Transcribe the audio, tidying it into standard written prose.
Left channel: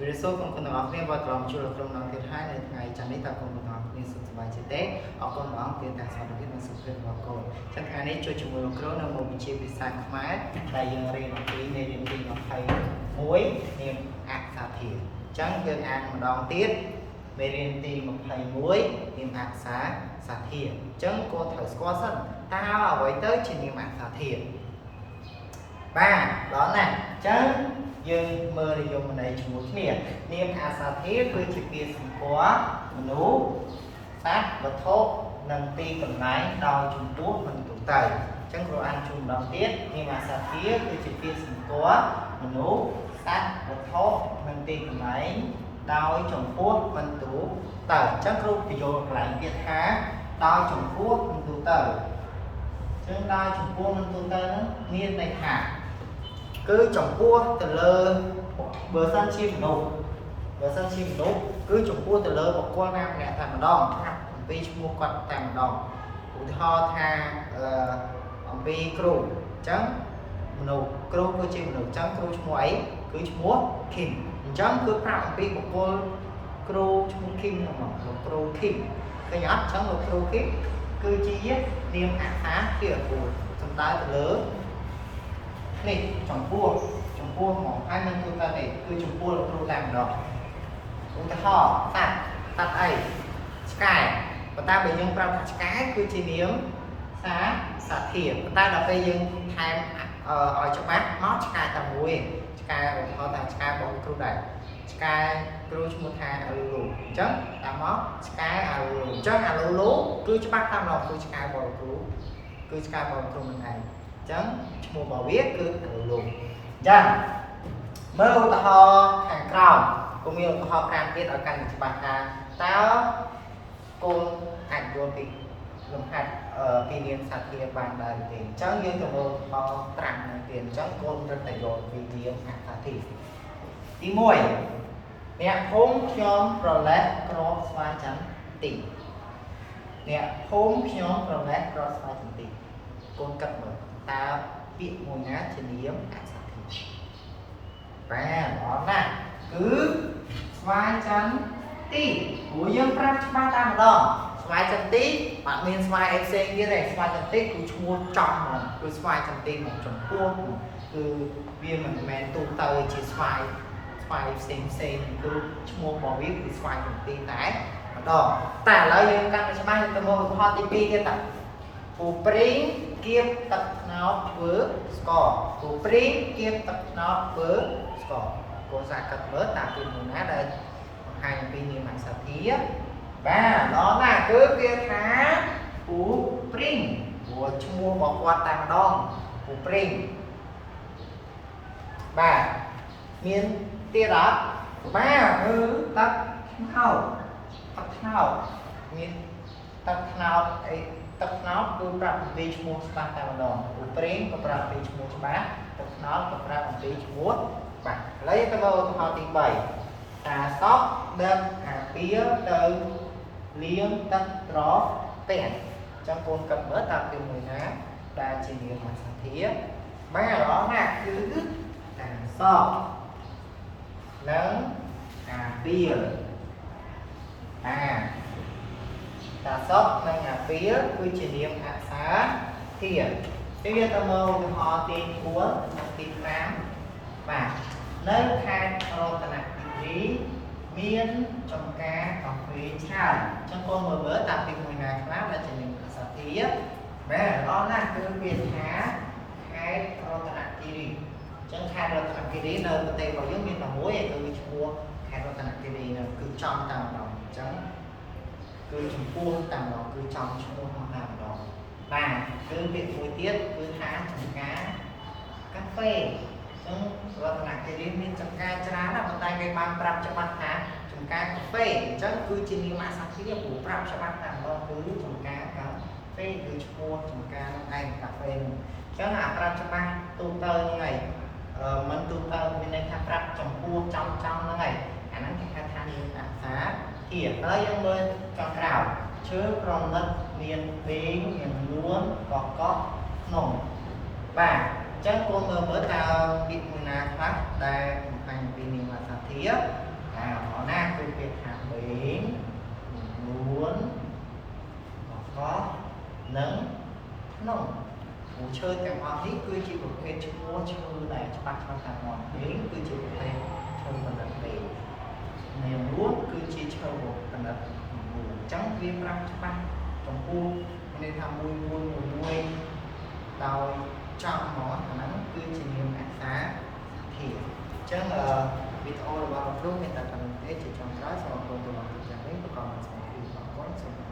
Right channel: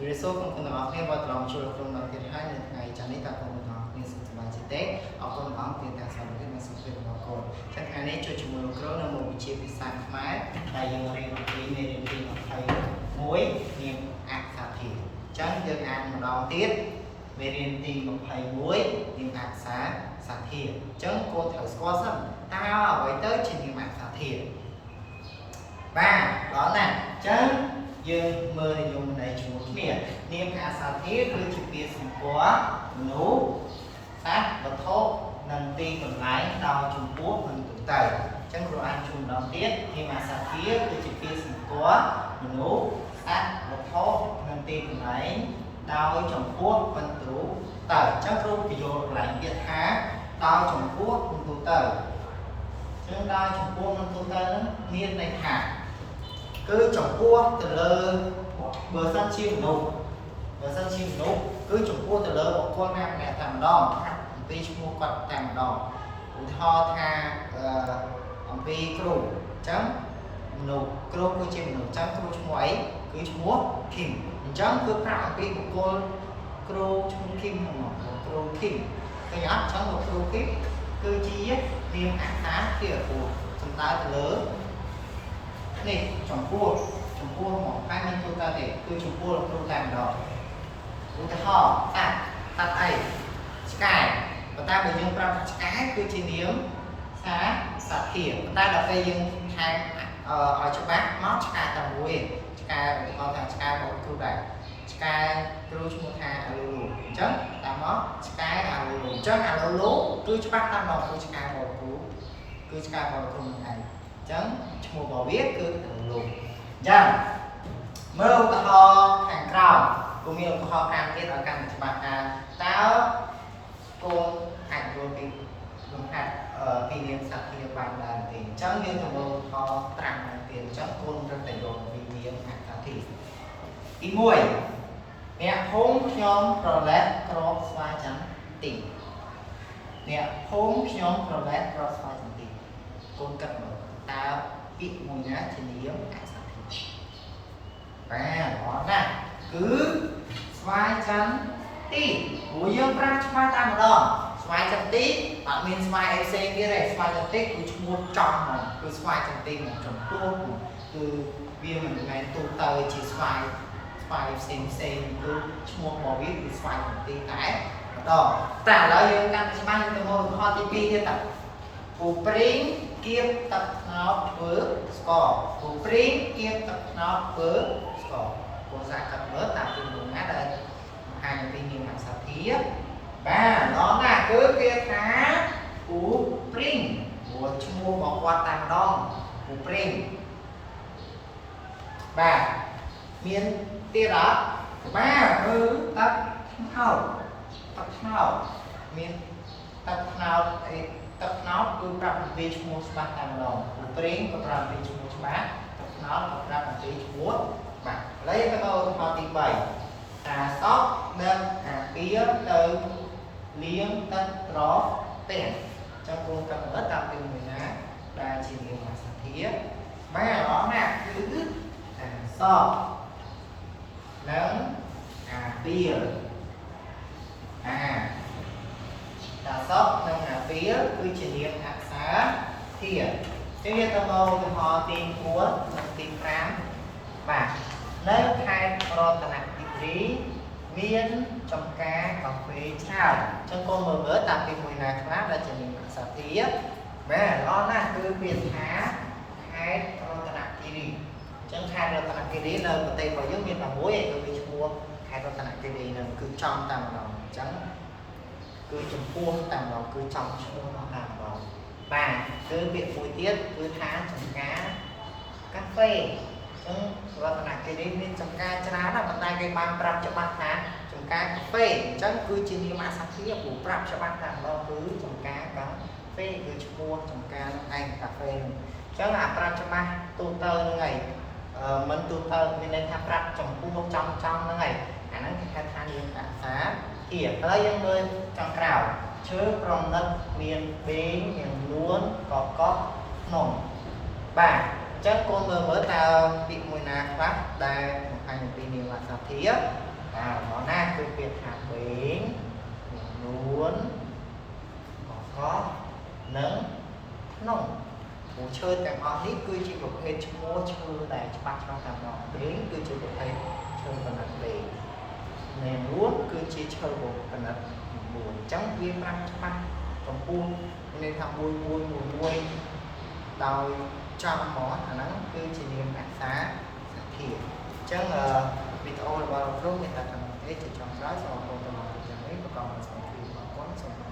ជួយ số បងប្អូនទាំងអស់គ្នាបើត្រឡប់ចូលក្នុងដល់ទៀតហើយនៅថ្ងៃច័ន្ទនេះតើបងប្អូនទាំងអស់គ្នាសុខសប្បាយជាទេអរគុណបងប្អូនទាំងសមាជិកនិងសុខភាពរបស់កូនចឹងថ្ងៃនេះជួយជាមួយលោកគ្រូនៅមុខវិជ្ជាភាសាខ្មែរដែលយើងរៀនអំពីមេរៀនទី21នាមអក្សរធាតុចឹងយើងអានម្ដងទៀតមេរៀនទី21នាមអក្សរធាតុចឹងកូនត្រូវស្គាល់សិនតើអ្វីទៅជានាមអក្សរធាតុបាទដល់ណាចឹងយើងមើលនិយមន័យជាមួយគ្នានាមអក្សរធាតុគឺជាពាក្យសម្គាល់មនុស្សសត្វវត្ថុនិងទីកន្លែងដោយចំពោះនិងទូទៅអញ្ចឹងគ្រូអានជូនម្ដងទៀតនាមអក្សរធាតុគឺជាពាក្យសម្គាល់មនុស្សសត្វវត្ថុនិងទីកន្លែងដោយចំពោះនិងទូទៅអញ្ចឹងគ្រូបញ្យល់កន្លែងទៀតថាដោយចំពោះនិងទូទៅអញ្ចឹងដោយចំពោះនិងទូទៅហ្នឹងមានន័យថាគឺចំពោះទៅលើបើសិនជាមនុស្សគឺចំពោះទៅលើបុគ្គលណាម្នាក់តែម្ដងអំពីឈ្មោះគាត់តែម្ដងឧទាហរណ៍ថាអំពីគ្រូអញ្ចឹងមនុស្សគ្រូគឺជាមនុស្សអញ្ចឹងគ្រូឈ្មោះអីគឺឈ្មោះ Kim អញ្ចឹងគឺប្រាប់អំពីបុគ្គលគ្រូឈ្មោះ Kim ហ្នឹងមកលោកគ្រូ Kim ឃើញអត់អញ្ចឹងលោកគ្រូ Kim គឺជានាមអក្សរធាតុពុទ្ធសំដៅទៅលើនេះចំពោះមកហើយមិនទូទៅទេគឺចំពោះលោកគ្រូតែម្ដងឧទាហរណ៍តាត់អីឆ្កែប៉ុន្តែបើយើងប្រាប់ថាឆ្កែគឺជានាមសត្វធាតុប៉ុន្តែដល់ពេលយើងថែមឲ្យច្បាស់មកឆ្កែតែមួយឆ្កែឧទាហរណ៍ថាឆ្កែរបស់លោកគ្រូដែរឆ្កែគ្រូឈ្មោះថាអាលូលូអញ្ចឹងតាមមកឆ្កែអាលូលូអញ្ចឹងអាលូលូគឺច្បាស់តាមឡងគឺឆ្កែរបស់លោកគ្រូគឺឆ្កែរបស់លោកគ្រូនឹងឯងអញ្ចឹងឈ្មោះរបស់វាគឺអាលូលូអញ្ចឹងមើលឧទាហរណ៍ខាងក្រោមគូមានឧទាហរណ៍ខាងទៀតឲ្យកាន់តែច្បាស់ថាតើកូនអាចយល់ពីលំហាត់ពីនាមសត្វធាតុបានដែរទេអញ្ចឹងយើងទៅមើលឧទាហរណ៍ត្រាំនៅទៀតអញ្ចឹងកូនត្រូវតែយល់ពីនាមអក្សរធាតុទី1អ្នកភូមិខ្ញុំប្រលេះក្របស្វាយចន្ទទីអ្នកភូមិខ្ញុំប្រលេះក្របស្វាយចន្ទទីកូនគិតមើលតើពាក្យមួយណាជានាមអក្សរធាតុបាទល្អណាស់គឺស្វាយចន្ទទីព្រោះយើងប្រាប់ច្បាស់តែម្ដងស្វាយចន្ទទីអត់មានស្វាយអីផ្សេងទៀតទេស្វាយចន្ទទីគឺឈ្មោះចំហ្មងគឺស្វាយចន្ទទីមកចំពោះគឺវាមិនមែនទូទៅជាស្វាយផ្សេងគឺឈ្មោះរបស់វាគឺស្វាយចន្ទទីតែម្ដងតែឥឡូវយើងកាន់តែច្បាស់យើងទៅមើលឧទាហរណ៍ទី2ទៀតតាពូព្រីងគៀបទឹកត្នោតធ្វើស្ករពូព្រីងគៀបទឹកត្នោតធ្វើស្ករកូនសាកកាត់មើលតាមពីមួយណាដែលបង្ហាញអំពីនាមអក្សរធាតុបាទល្អណាស់គឺគេថាពូព្រីងព្រោះឈ្មោះរបស់គាត់តែម្ដងពូព្រីងបាទមានទៀតអត់បាទគឺទឹកត្នោតមានទឹកត្នោតអីទឹកត្នោតគឺប្រាប់អំពីឈ្មោះច្បាស់តែម្ដងពូព្រីងក៏ប្រាប់អំពីឈ្មោះច្បាស់ទឹកត្នោតក៏ប្រាប់អំពីឈ្មោះបាទឥឡូវទៅមើលឧទាហរណ៍ទី3តាសក់និងអាពាលទៅលាងទឹកត្រពេះអញ្ចឹងកូនគិតមើលតាមពីមួយណាដែលជានាមអក្សរធាតុបាទល្អណាស់គឺតាសក់និងអាពាលតាសក់និងអាពាលគឺជានាមអក្សរធាតុជាទៅមកឧទាហរណ៍ទី4និងទី5បាទនៅខេត្តរតនគិរីមានចំការកាហ្វេច្រើនអញ្ចឹងកូនមើលតាមពីមួយណាខ្លះដែលជានាមអក្សរធាតុបាទល្អណាស់គឺពាក្យថាខេត្តរតនគិរីអញ្ចឹងខេត្តរតនគិរីនៅប្រទេសរបស់យើងមានតែមួយគឺវាឈ្មោះខេត្តរតនគិរីហ្នឹងគឺចំតែម្ដងអញ្ចឹងគឺចំពោះតែម្ដងគឺចំឈ្មោះនោះតែម្ដងបាទគឺពាក្យមួយទៀតគឺថាចំការកាហ្វេអញ្ចឹងរតនគិរីមានចំការច្រើនណាស់ប៉ុន្តែគេបានប្រាប់ច្បាស់ថាចំការកាហ្វេអញ្ចឹងគឺជានាមអក្សរធាតុព្រោះប្រាប់ច្បាស់តែម្ដងគឺចំការកាហ្វេគឺឈ្មោះចំការនោះឯងកាហ្វេនោះអញ្ចឹងអាប្រាប់ច្បាស់ទូទៅហ្នឹងឯងមិនទូទៅមានន័យថាប្រាប់ចំពោះចំហ្នឹងឯងអាហ្នឹងគេហៅថានាមអក្សរធាតុហើយយើងមើលចុងក្រោយឈើប្រណិតមានពេងមាននួនកកក្នុងបាទ chân con mơ ta bị mùi nà khác đây một hành bị nhiều mặt sạc thiết có na cứ biệt hạt bến luôn có nắng nóng hồ chơi tạm họ hết cứ chỉ một hệ mua chơi đại bắt tạm nó đến cứ chỉ một hệ chơi phần lập đề nền luôn cứ chỉ chơi một phần lập buồn trắng viên mang bắt trong buông nênทำบุญđào trong mỏ khả năng cứ chỉ niệm ảnh xá thì chắc là video là vào lúc người ta cần thế chỉ trong trái sau cô tôi bằng được chẳng mấy và còn là sau khi mà có sự bằng